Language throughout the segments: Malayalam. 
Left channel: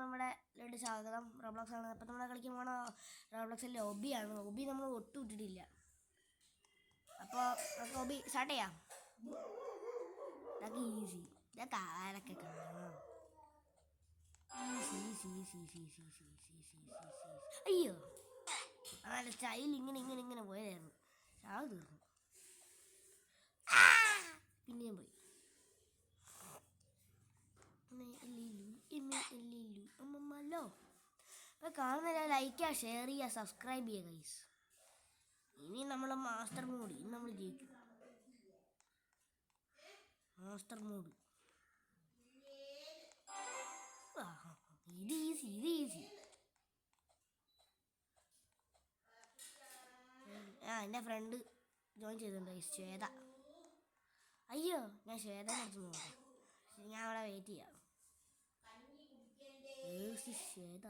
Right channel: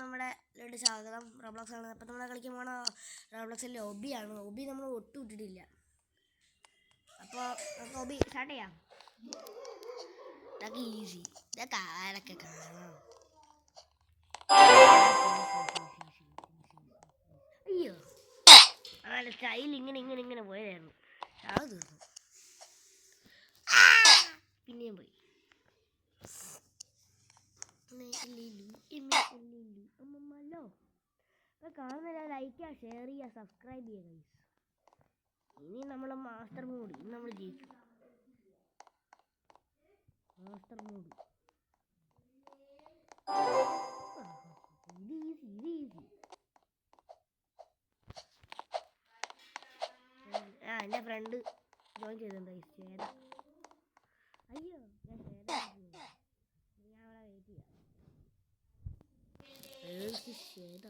നമ്മുടെ ലേക്ക് സ്വാഗതം. റോബ്ലോക്സ് ആണ്. അപ്പം നമ്മൾ കളിക്കാൻ പോണ റോബ്ലോക്സിലെ ഒബിയാണ്. ഒബി നമ്മൾ ഒട്ടും ഇട്ടിട്ടില്ല. അപ്പോൾ നമുക്ക് ഒബി സ്റ്റാർട്ട് ചെയ്യാം. ഇതൊക്കെ ഈസി. ഇതൊക്കെ ആരൊക്കെ കാണാം. അയ്യോ ആ സ്റ്റൈൽ ഇങ്ങനെ പോയതായിരുന്നു. അത് തീർന്നു. പിന്നെയും പോയി. അപ്പോൾ കാണുന്നില്ല, ലൈക്ക് ചെയ്യുക, ഷെയർ ചെയ്യുക, സബ്സ്ക്രൈബ് ചെയ്യുക ഗൈസ്. ഇനി നമ്മൾ മാസ്റ്റർ മോഡ്, ഇനി നമ്മൾ ജയിക്കും. മാസ്റ്റർ മോഡ് ഇത് ഈസി. എൻ്റെ ഫ്രണ്ട് ജോയിൻ ചെയ്തിട്ടുണ്ട് ഗൈസ്, ശ്വേത. അയ്യോ ഞാൻ ശ്വേത ഞാൻ അവിടെ വെയിറ്റ് ചെയ്യാം. ശ്വേത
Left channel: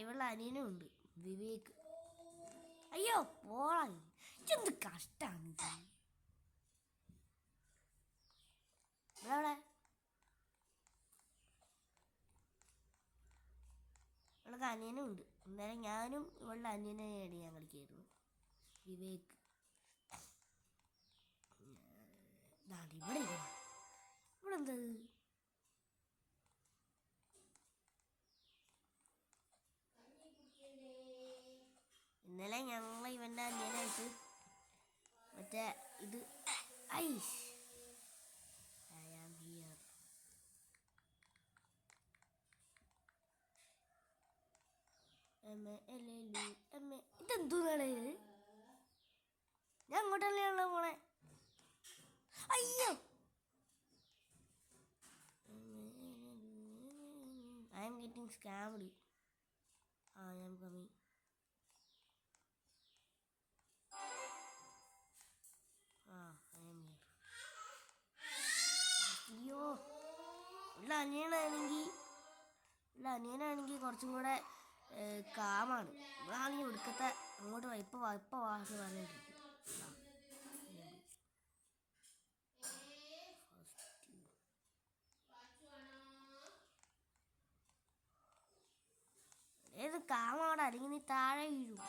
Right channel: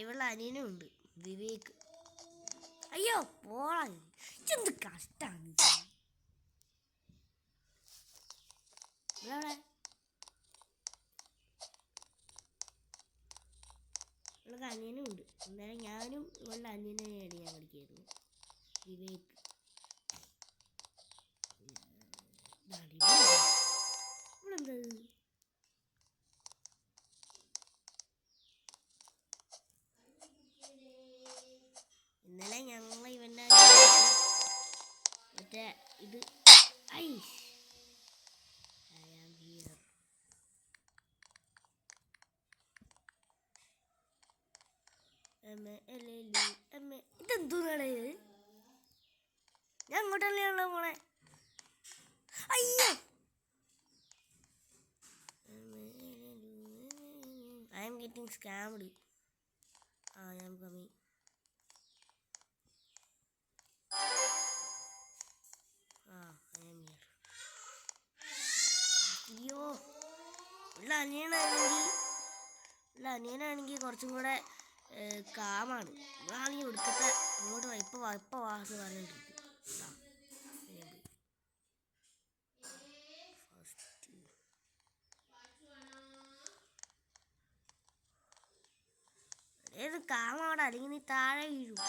ഇവളുടെ അനിയനും ഉണ്ട്, വിവേക്. അയ്യോ പോളാ, എന്ത് കഷ്ടാണ്. ഇവിടെ ഇവളുടെ അനിയനും ഉണ്ട്. എന്തായാലും ഞാനും ഇവളുടെ അനിയനെയാണ് ഞാൻ കളിക്കായിരുന്നു, വിവേക്. ഇവിടെ എന്താ ഇന്നലെ ഞങ്ങൾ ഇവൻ്റെ മറ്റേ ഇത് ഐസ് ഐ ആം ഹിയർ. ഇതെന്തോന്നാണ്? ഞാൻ അങ്ങോട്ടല്ലേ പോണേ. അയ്യോ I am getting scammed. I am coming. I am here. അയ്യോ ഉള്ള അനിയനാണെങ്കിൽ കുറച്ചും കൂടെ കാമാണ്. ഇവളാണെങ്കിൽ ഒടുക്കത്തെ അങ്ങോട്ട് ഇപ്പം വാസ് പറഞ്ഞിട്ടിരിക്കും. ഏത് കാമാടാ, അല്ലെങ്കിൽ നീ താഴെ വീഴും.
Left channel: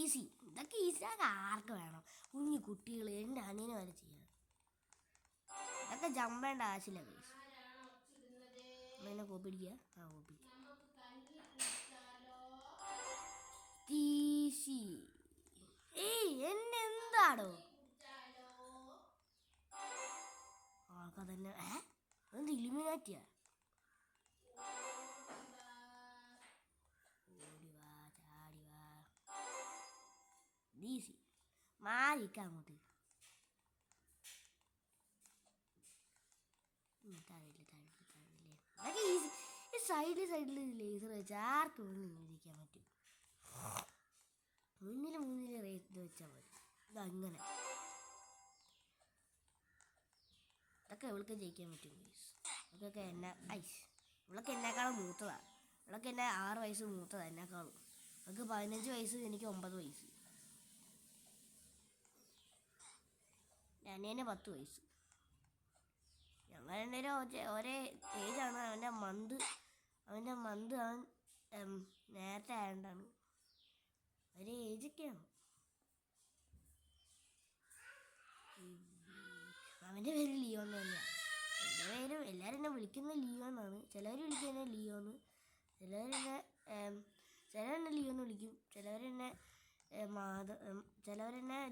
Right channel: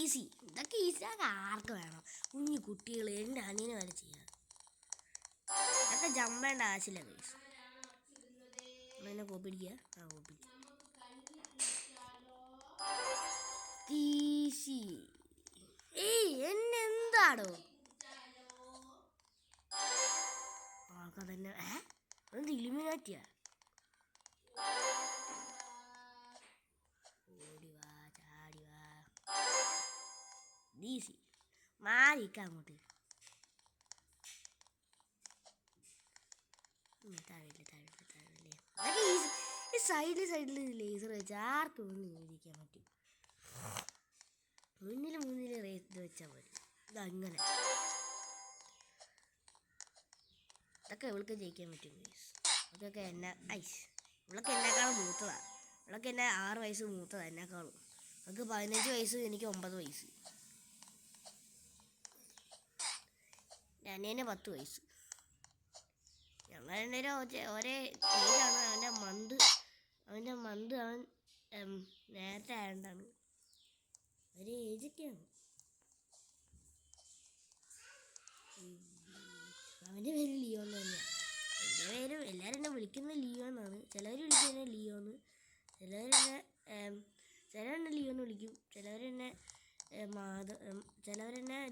ഈസി. ഇതൊക്കെ ഈസിയാകെ ആർക്ക് വേണം? കുഞ്ഞു കുട്ടികൾ, എൻ്റെ അനിയനെ വരെ ചെയ്യാം. ഇതൊക്കെ ജമ്പേണ്ട ആവശ്യമില്ല ഗൈസ്. നമ്മളെന്നെ കോപ്പി അടിക്കുക. Copy easy. എന്നെ എന്താടോ ആൾക്കതന്നെ എന്ത് ഇലുമിനാറ്റിയാ? ഈസി മാറിക്ക അങ്ങോട്ട്. താഴെ അതൊക്കെ ഈസി. ഈ സൈഡിൽ ലേസർ വെച്ച് ആർക്കും ഒന്നും ഇരിക്കാൻ പറ്റും. മുന്നിൽ റേറ്റ് വെച്ചാൽ മതി. ഇതങ്ങനെ ഇതൊക്കെ ഇവൾക്ക് ജയിക്കാൻ പറ്റും ഗൈസ്. അതൊക്കെ ഇവളൊക്കെ എന്നെക്കാളും മൂത്തതാണ്. ഇവളൊക്കെ എന്നെ 6 വയസ്സ് മൂത്തതാണ് എന്നെക്കാളും. അവൾക്ക് 15 വയസ്സ്, എനിക്ക് 9 വയസ്സ്. അനിയന് 10 വയസ്സ്. ഞങ്ങൾ രണ്ടുപേരും ഒരേ ഏജാണ്. അവൻ്റെ മന്ത് അവൻ നേരത്തെ ആയതുകൊണ്ടാണ്. ഒരേ ഏജൊക്കെയാണ്. അവൻ്റെ പേര് ലിയോ എന്ന് തന്നെയാണ്. എൻ്റെ പേര് എല്ലാവരും എന്നെ വിളിക്കുന്നത് ലിയോ എന്നാണ്. ചിലവർ വിളിക്കുന്നത് ലിയോന്ന്, ചിലവരെന്നെ ലിയോ എന്ന് വിളിക്കും, ചിലവരെന്നെ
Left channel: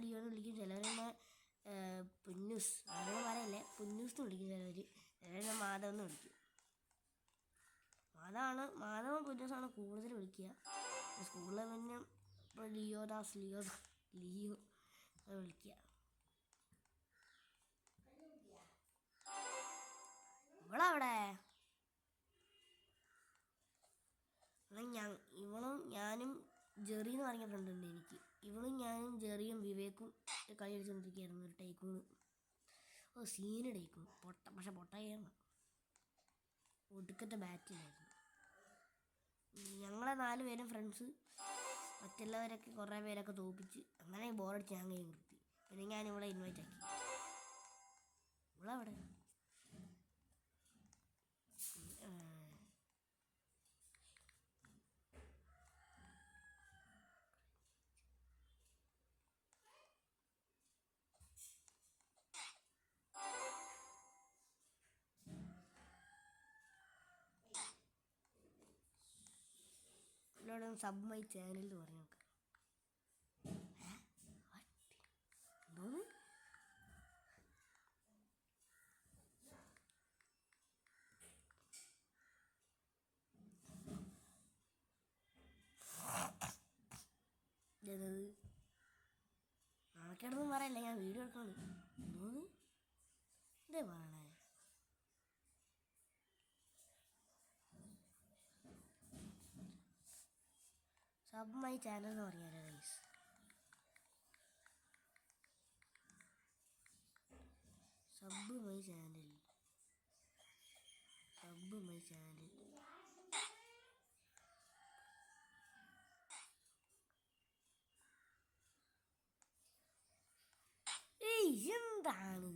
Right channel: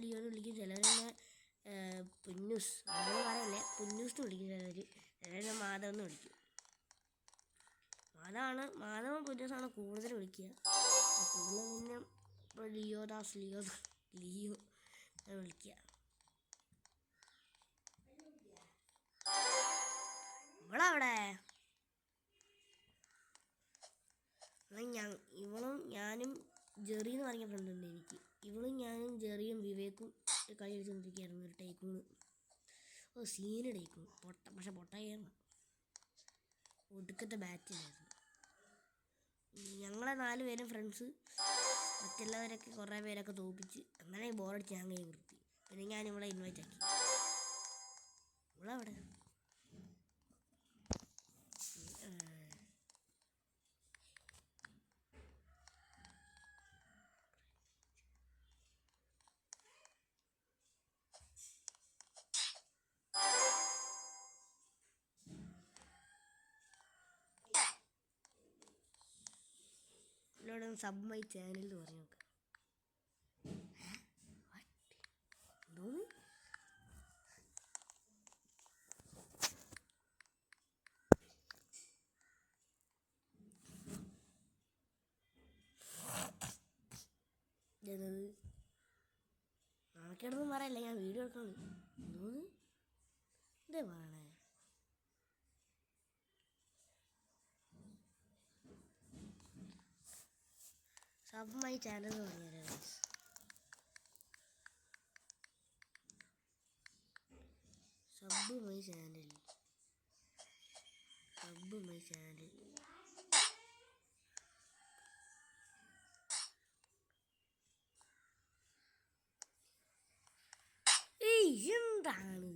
ലിയോ എന്ന് വിളിക്കും, ചിലവരെന്നെ പുന്നൂസ്, അങ്ങനെ പറയല്ലേ, പുന്നൂസ് എന്ന് വിളിക്കും. ചിലവരെന്നെ മാധവ് എന്ന് വിളിക്കും. മാധവും പുന്നൂസാണ് കൂടുതൽ വിളിക്കുക. സ്കൂളിൽ പിന്നെ ഇപ്പോൾ ലിയോ വിളിക്കുക. ഇവളവിടെ ഇവളും ഞാനും ജെറി എന്ന് പറഞ്ഞ ഫ്രണ്ടുണ്ട് എനിക്ക്. ഇവളും ഞാനും ജെറിയും വിവേക്കും കളി കളിച്ചുകൊണ്ടിരിക്കുകയായിരുന്നു. ഒരു ടൈക്കൂണ്, സീന് ടൈക്കൂൺ, പക്ഷെ പൊട്ടയാണ്. ഒടുക്കത്തെ ബാറ്റിലായിരുന്നു. ഞങ്ങൾ ഞങ്ങളെ 4 പേരും ഫ്രണ്ട്സ് മറ്റുള്ളവരൊക്കെ കുറേ പേരൊക്കെ തോപ്പിച്ച് അങ്ങനെ ബോറടിച്ച് ഞാൻ കൈ നിർത്തി. പിന്നെ ഞാൻ ഇവിടെ ഇൻവൈറ്റ് ആക്കി. ഇവളവിടെ എന്നോട് സബ് മൈ ചാനൽ എന്ന് പറഞ്ഞു നോക്കാം. എന്തോന്ന് നാണക്കേടൊന്നും പറയല്ല, ഞാൻ വീഡിയോ എടുക്കണം. എന്തോന്ന് എന്തേ പറയണേ? സബ് മൈ ചാനൽ എന്ന് പറഞ്ഞാലേ guys. Sub my channel, sub my channel. എന്താണ്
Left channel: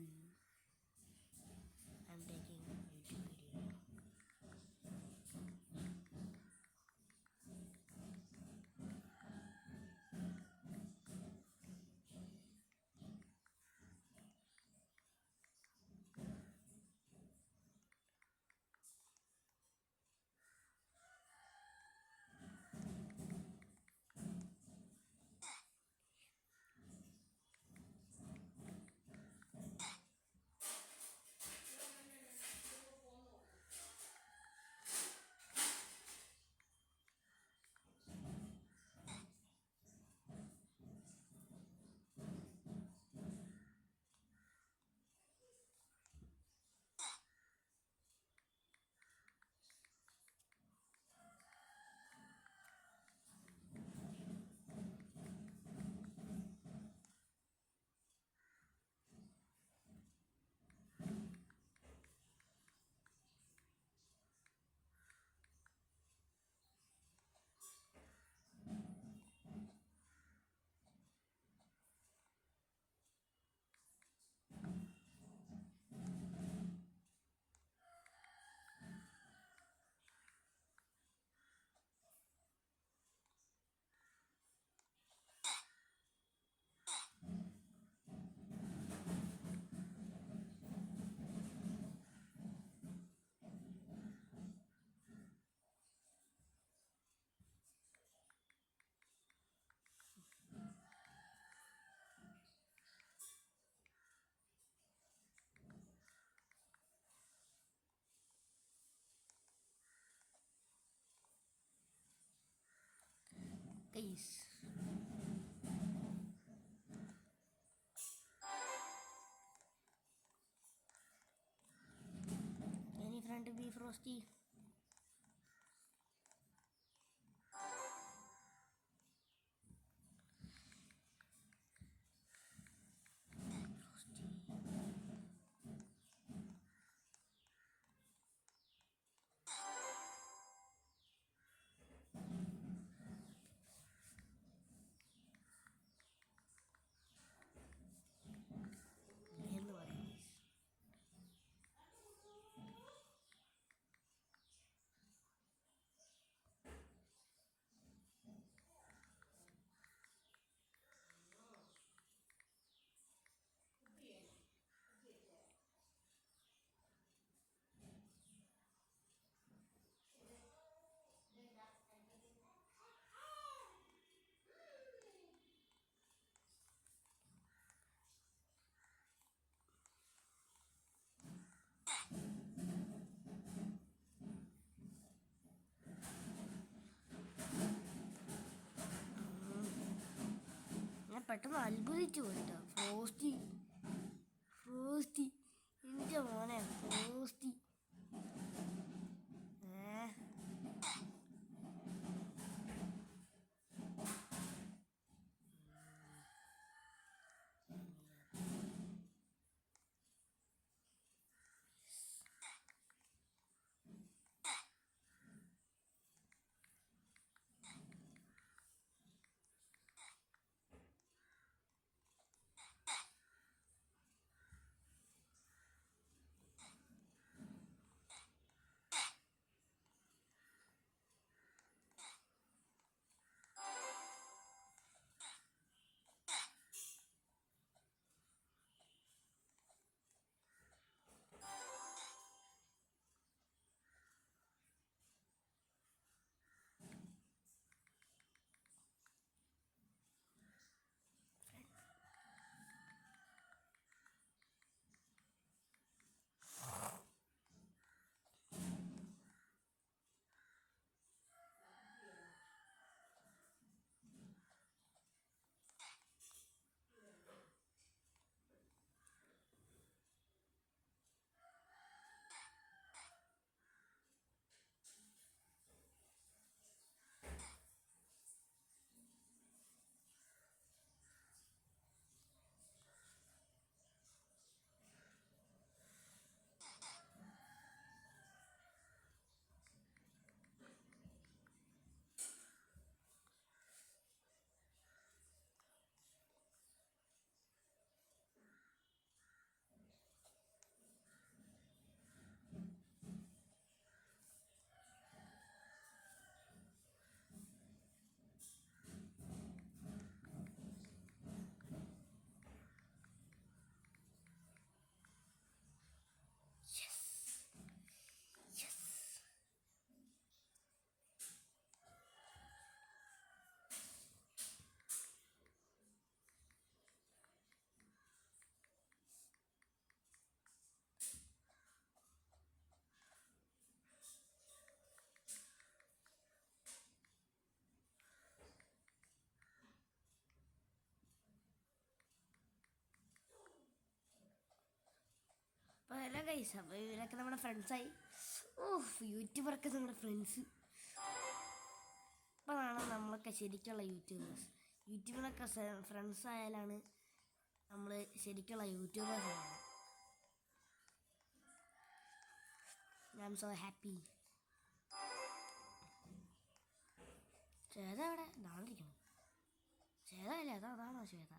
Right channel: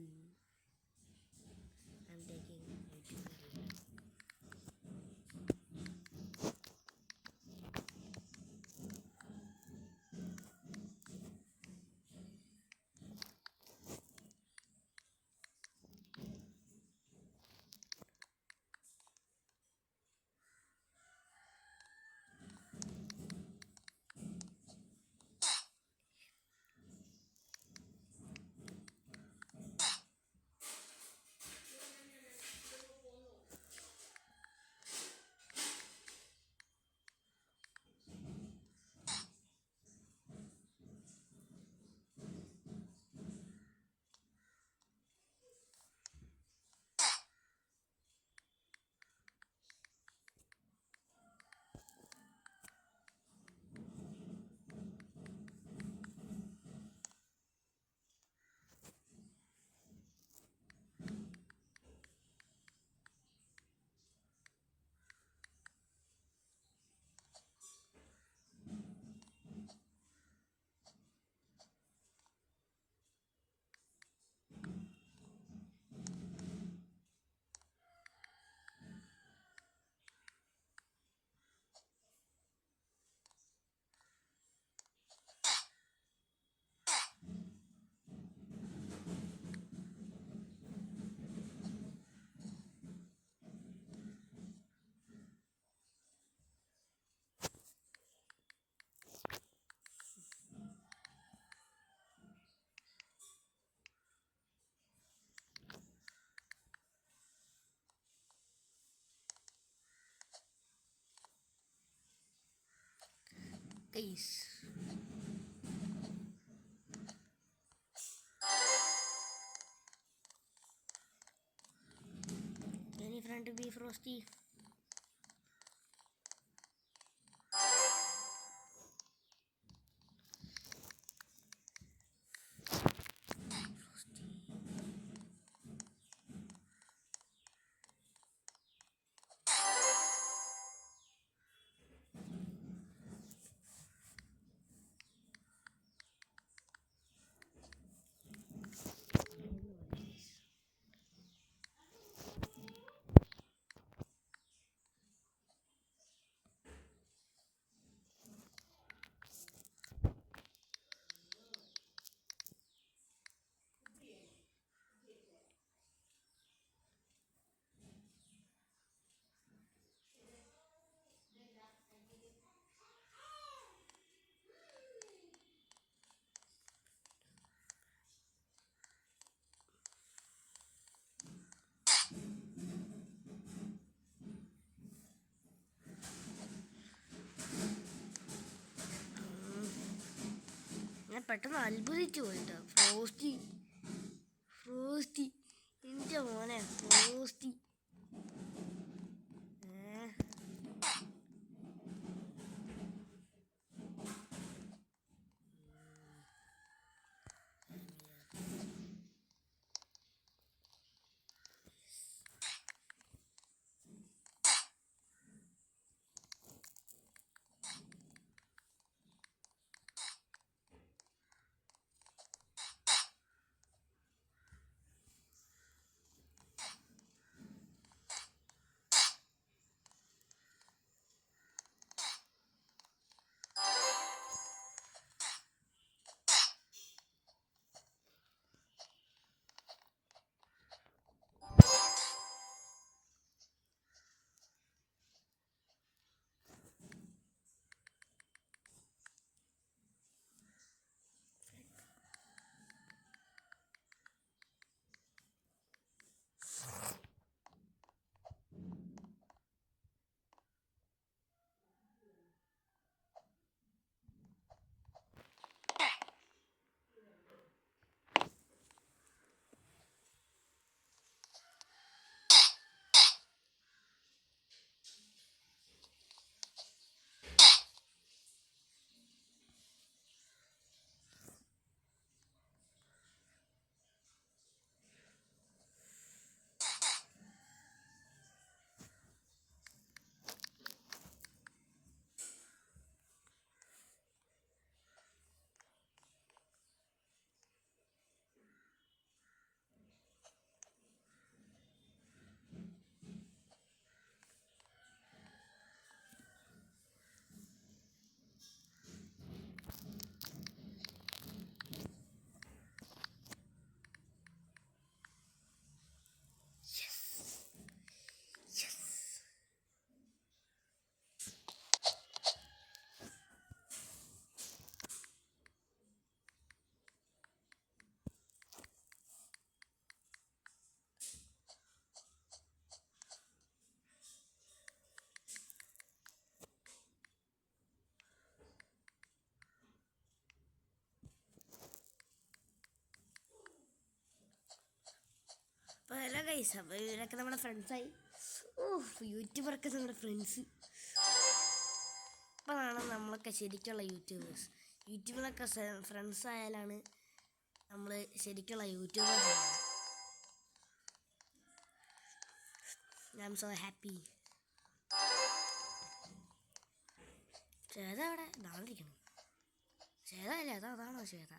guys? Any friend to be Frosty? ഞാൻ പെട്ടെന്ന് അത്ഭുതിച്ചു പോയിട്ടോ. ഫ്രോസ്റ്റി, ഫ്രോസ്റ്റി, എൻ്റെ മോനെ ഫ്രോസ്റ്റി. ഗൈസ്, അപ്പോൾ ഇവരൊക്കെ നമ്മുടെ ഫ്രണ്ട്സായി. യൂട്യൂബറൊക്കെ നമ്മുടെ ഫ്രണ്ട്സ്. ഇപ്പോഴാണ് നമ്മളൊക്കെ ശരിക്കുള്ള യൂട്യൂബേഴ്സ്. യൂട്യൂബിലൊക്കെ ഫ്രണ്ട്സ് ആയാലാണ് നമ്മൾ ശരിക്കുള്ള YouTubers. I am so happy. Shweta അവിടെ ഇതാണ്ടിരിക്കണം. ശ്വേത അല്ലേ? അതാണോ ശ്വേത?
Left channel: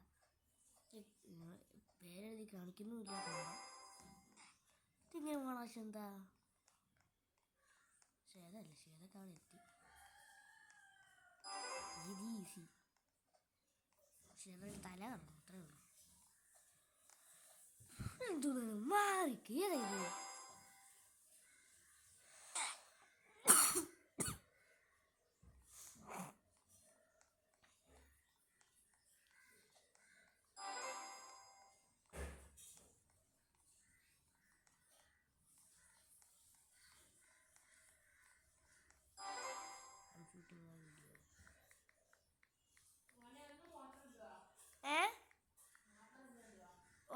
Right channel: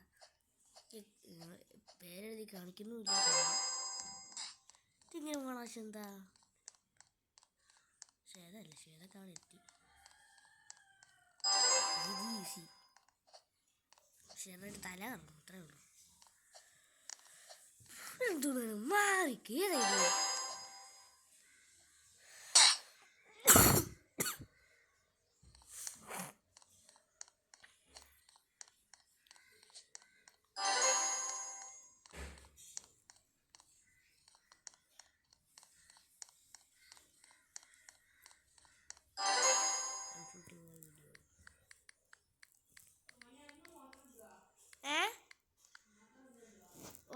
പേരെഴുതി കാണിക്കുന്നുമില്ല. ഇതിങ്ങനെ പോകണം. എന്താ ശ്വേത അല്ലേ? ശ്വേതൊക്കെ അവിടെ എത്തി. ഈസി. ശ്വേതയുടെ തല കറങ്ങും, അത്രേ ഉള്ളൂ. എന്തുകൊണ്ട് മാറിക്കേറിയത്?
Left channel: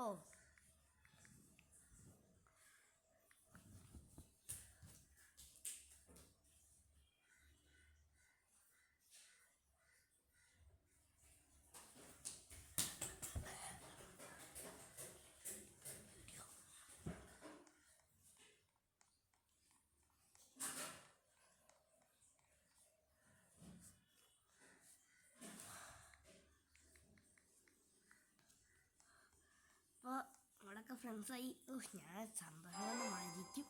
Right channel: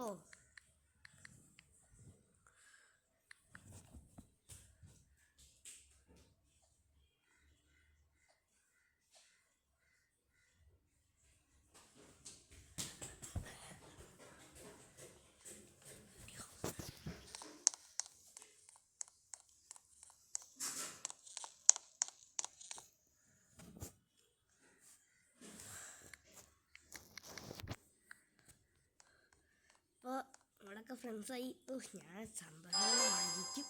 ഓ, അപ്പോൾ നമ്മളൊക്കെ ഫ്രണ്ട്സായി. ഞാൻ സന്തോഷം മരിക്കും.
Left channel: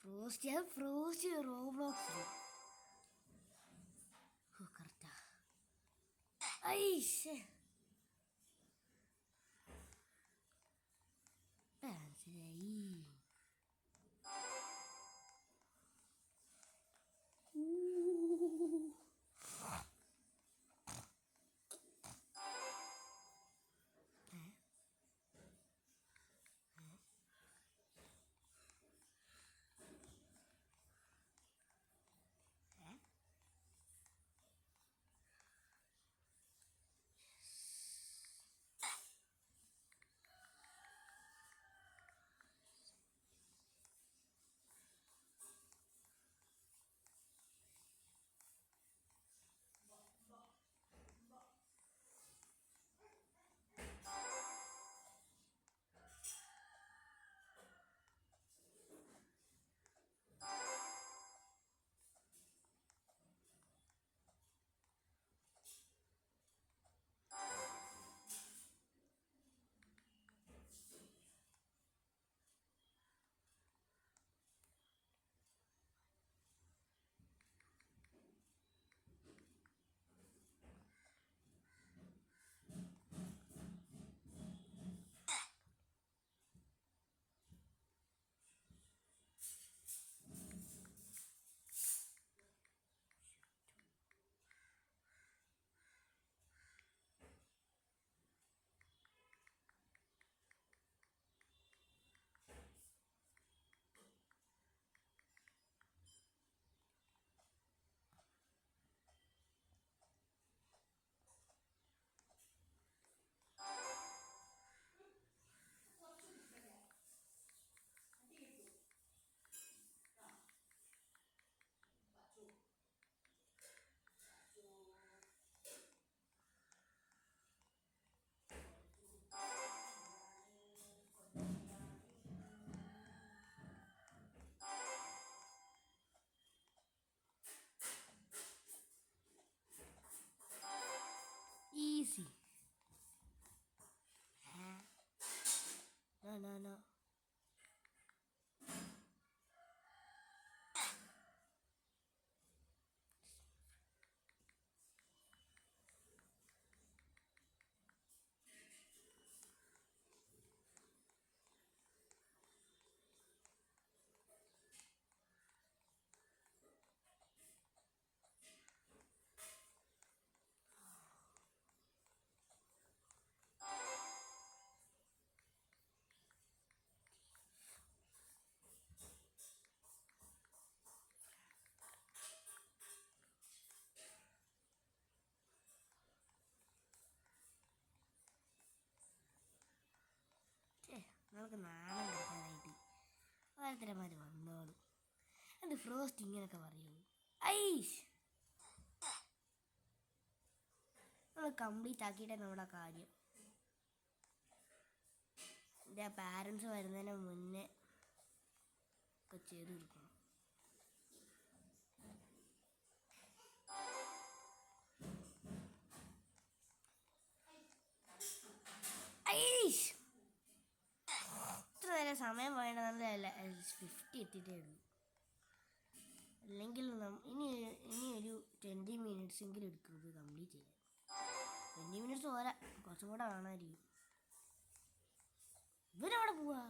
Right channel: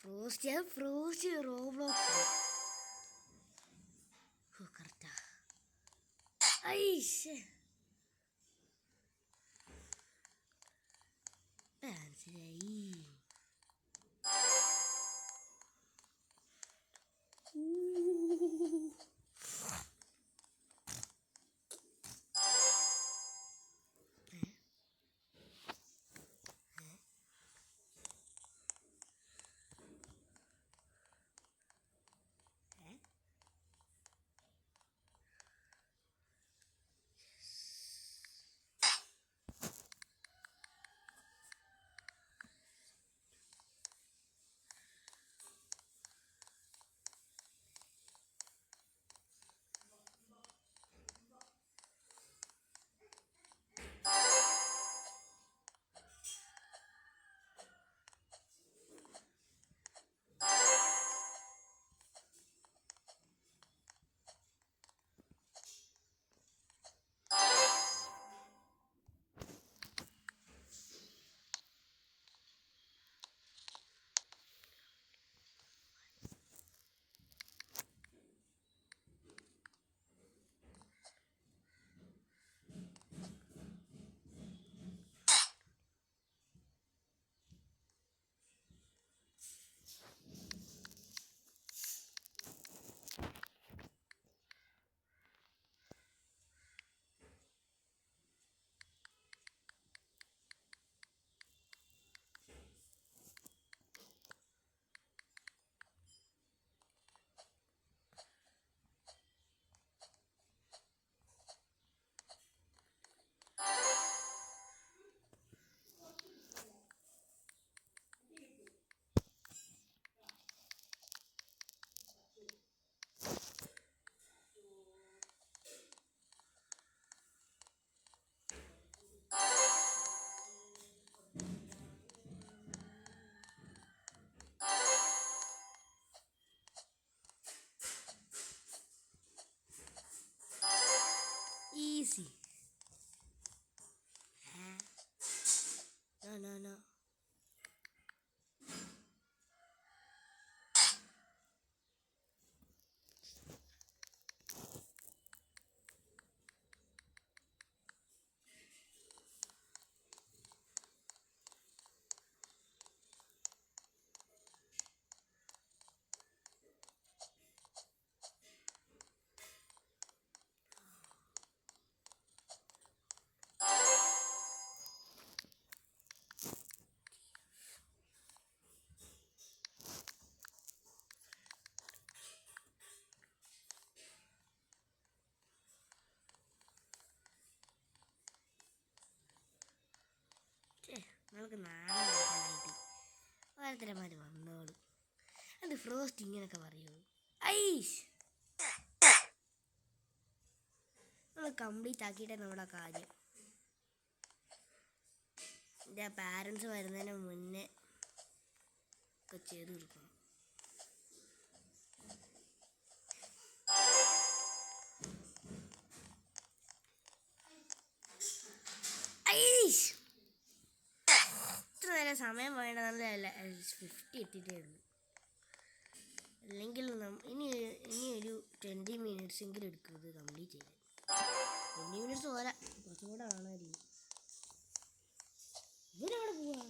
Frost Roblox correct. ഐഷേ മനസ്സിലായി. ഞങ്ങൾക്ക് നാളെ കൊടുക്കാനായിട്ട് ഓരോരുത്തരന്മാർ വന്നോളൂ. അത് ഫ്രോസ്റ്റ് ഇങ്ങനെയൊക്കെ പറയുമോ? ഐഷ് നമ്മൾ കംപ്ലീറ്റ് ആക്കിയിട്ടേ നമ്മുടെ കാര്യം. എൻ്റെ പാരൻസ് വരുന്നതിന് മുന്നേ ഒക്കെ ചെയ്ത് കൊടുക്കണം. ഇത്ര നേരം സമയം പോയേണ്ട, നല്ല 50 എത്തിയിട്ടേ ഉള്ളൂ. അല്ലെങ്കിൽ ഇനി ഒരു 20 മിനിറ്റ്സ് എങ്കിലും എടുക്കും ഇത് കംപ്ലീറ്റ് ചെയ്യാൻ. 20 മിനിറ്റ്സ് പോരാ, കുറച്ചും കൂടെ കാണാമായിരിക്കും. ഇവരവിടെ പോവാ.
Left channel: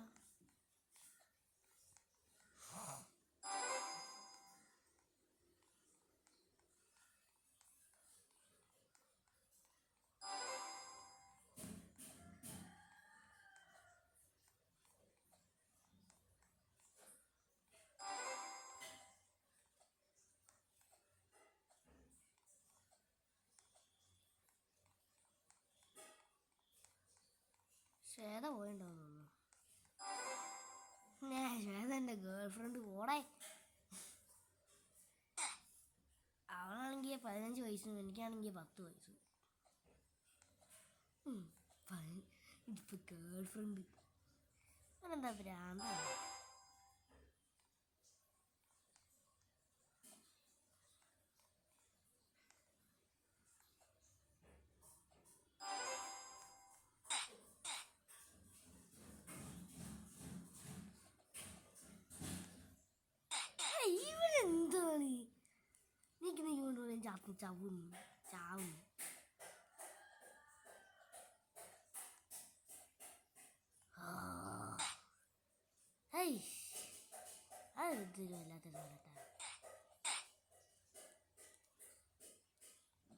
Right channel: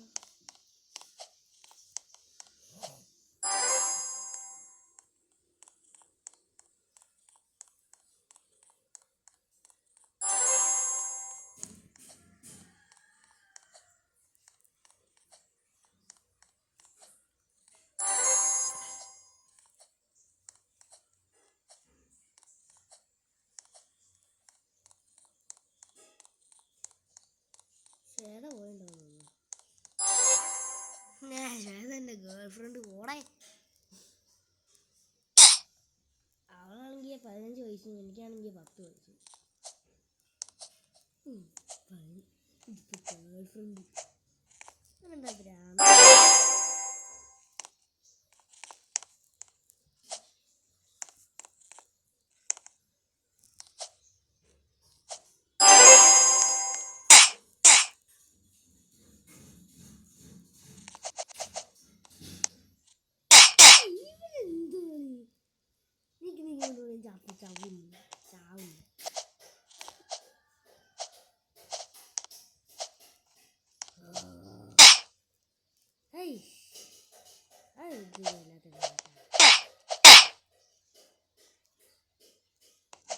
ശ്വേത പോയിണ്ടോന്നു തോന്നുന്നു. ശ്വേത എൻ്റെ ഗേൾ ഫ്രണ്ട് പോടെ. അവളാണെങ്കിൽ 15 വയസ്സും എനിക്കാണെങ്കിൽ 10 വയസ്സും. ഇതിപ്പോൾ ഗേൾ ഫ്രണ്ട് അങ്ങനെന്താ ഭ്രാന്ത്. ചാവും.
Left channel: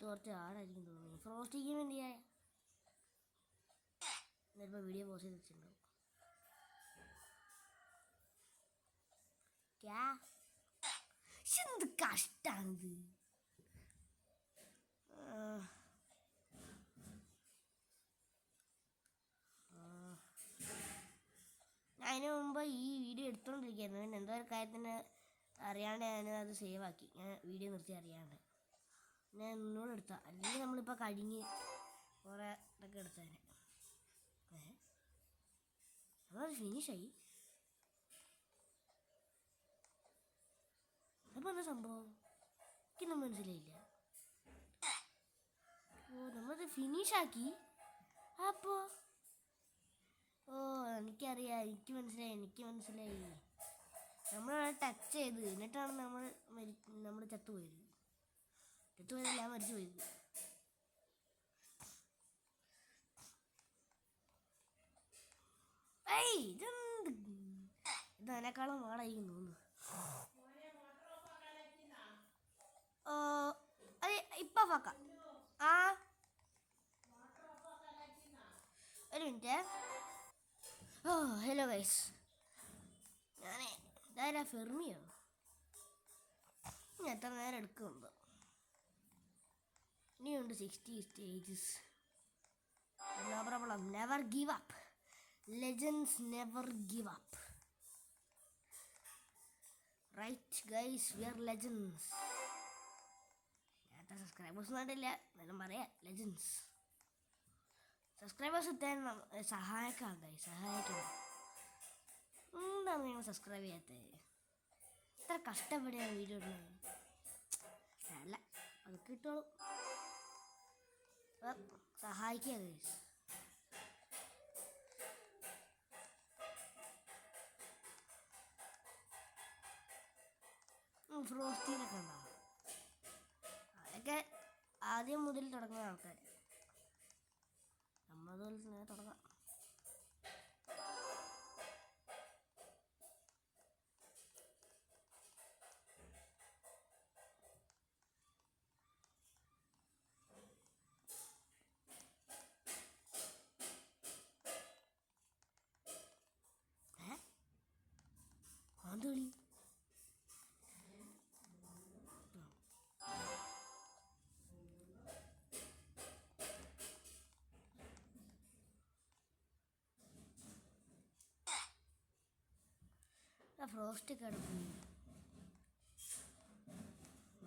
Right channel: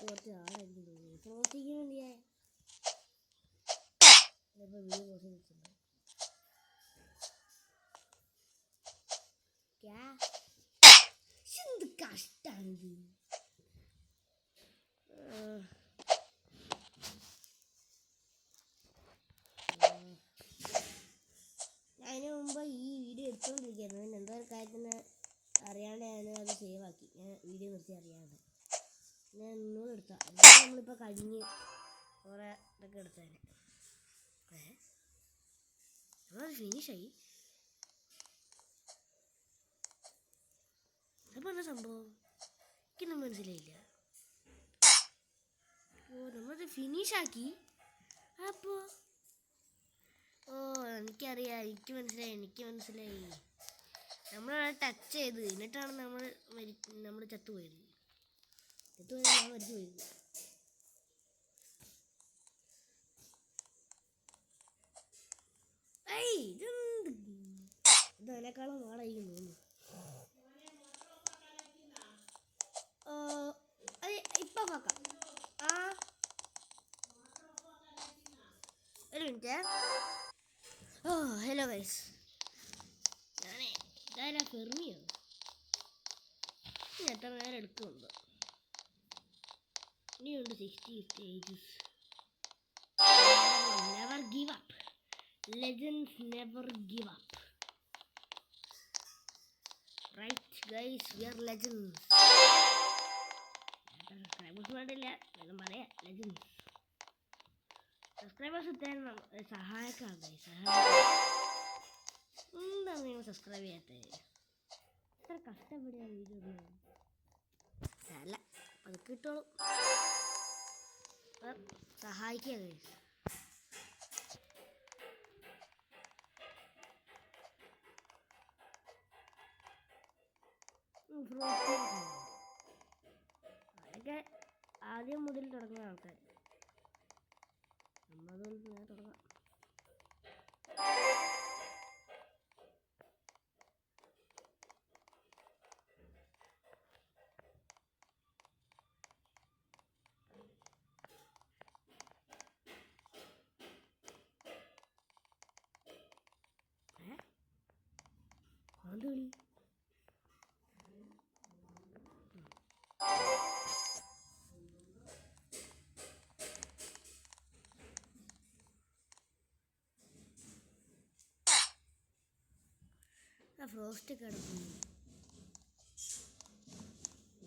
കുറച്ച് ആളായിരിക്കും തോന്നുന്നു. ഫ്രോസ്റ്റിക്ക് വേണ്ടിയാ ചിലപ്പോൾ വീഡിയോ പോസ്റ്റ് ചെയ്ത് വെച്ചിട്ടുണ്ടോ? എന്ത് കഷ്ടാണിത്. അതിന് മുമ്പ് ഈ വീഡിയോ എടുത്തുകൊണ്ടിരിക്കുകയായിരുന്നു. പിന്നെ എന്തോ ഒരു കാര്യത്തിന് അറിയാണ്ട് ഞാൻ അത് സേവ് ആക്കി. ഞാൻ വീഡിയോ നിർത്തി അറിയാണ്ട് ഞാൻ ഒന്നുകൂടെ എടുത്താൽ അല്ലെങ്കിൽ നമ്മളിപ്പോൾ കഴിഞ്ഞ് കുറേ ഇതൊക്കെ എടുത്തേനെ. നമ്മളത് ഫിനിഷായി. അപ്പോൾ എന്താ സംഭവം എനിക്കൊന്നും മനസ്സിലായില്ല. ഓ നമ്മളത് ഫിനിഷാക്കി. അപ്പോൾ എനിക്കറിയാം, എനിക്ക് മനസ്സിലായി. നമ്മളവിടെ ടച്ച് ചെയ്ത് എന്നിട്ടാണ് നമ്മൾ ചത്തുപോയത്. ഞാൻ മരിച്ചു പോയത്. ഇത് അതിനേക്കാളും മാടായിരിക്കും തോന്നുന്നു. അത് ഇപ്പം നോക്കാം. ഒരു മിനിറ്റ്. ഹലോ ഗൈസ്, ഞാനേ ഇതാരാ ഫെർമിയോ? ഇനി എത്ര നേരം എടുക്കുന്നുണ്ടോ? ഇനിയുണ്ട് 60 stages. Never give up. Legends never give up. Right guys, we are legends. Subscribers വേണ്ടില്ല, വേണം പറയാം. ലെജൻഡ്സ് സബ്സ്ക്രൈബേഴ്സ് എത്താൻ സഹായിക്കാം ഗൈസ്. എന്താണ് നിങ്ങൾ സബ്സ്ക്രൈബ് ചെയ്യാത്തത്? എത്ര കഷ്ടപ്പെടുകയാണ് വീഡിയോ ഇടുന്നത്. അല്ല അത് കിട്ടുള്ളൂ. സഹായിക്കുക ഗൈസ്. അതൊക്കെ ആദ്യം മുതൽ തുടങ്ങുന്ന ആൾക്കാർ. നമ്മളതുപോലെ തന്നെ തുടങ്ങാം. ആന്തോളി നമ്മുടെ ഫ്രോസ്റ്റ് കിടക്കും.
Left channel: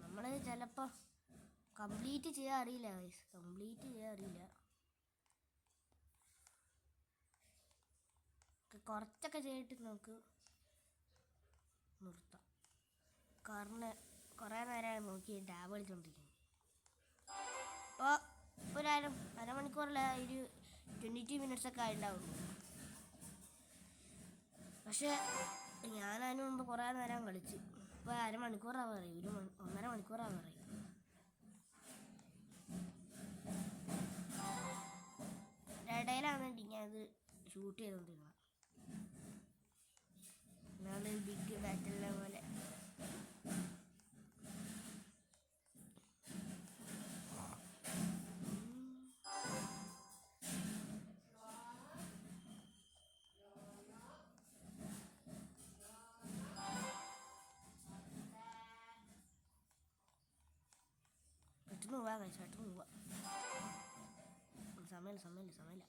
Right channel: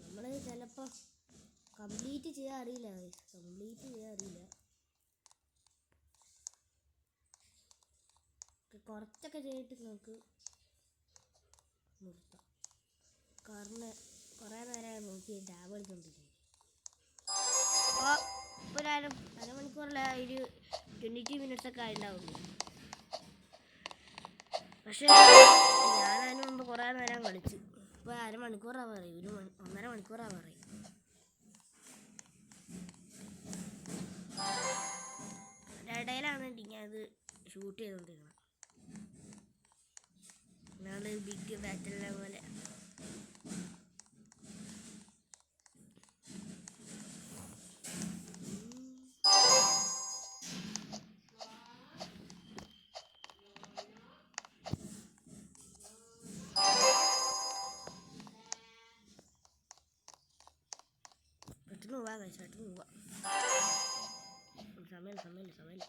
നമ്മൾ ചിലപ്പോൾ കംപ്ലീറ്റ് ചെയ്യാൻ അറിയില്ല. കുറച്ചൊക്കെ ചെയ്തിട്ട് നമുക്ക് നിർത്താം. കാരണം കുറേ നേരമായി നോക്കി ടാബ് കളിച്ചുകൊണ്ടിരിക്കുന്നു. അപ്പോൾ അരമണിക്കൂറല്ല, ഒരു 22 മിനിറ്റ്സൊക്കെ ആയിട്ടുണ്ടാവുള്ളൂ. പക്ഷേ ഞാൻ അതിന് മുമ്പ് കുറേ നേരം കളിച്ചു. ഇപ്പോൾ അരമണിക്കൂറാവാറായി, 1.5 മണിക്കൂറാവാറായി. ഇടയിലാണ് ഞാനത് ഷൂട്ട് ചെയ്തുകൊണ്ടിരുന്നത്. നാളെ ബിഗ് ബാറ്റലിനെ പോലെ പെട്ടെന്ന് പോവാ. സമയമില്ല.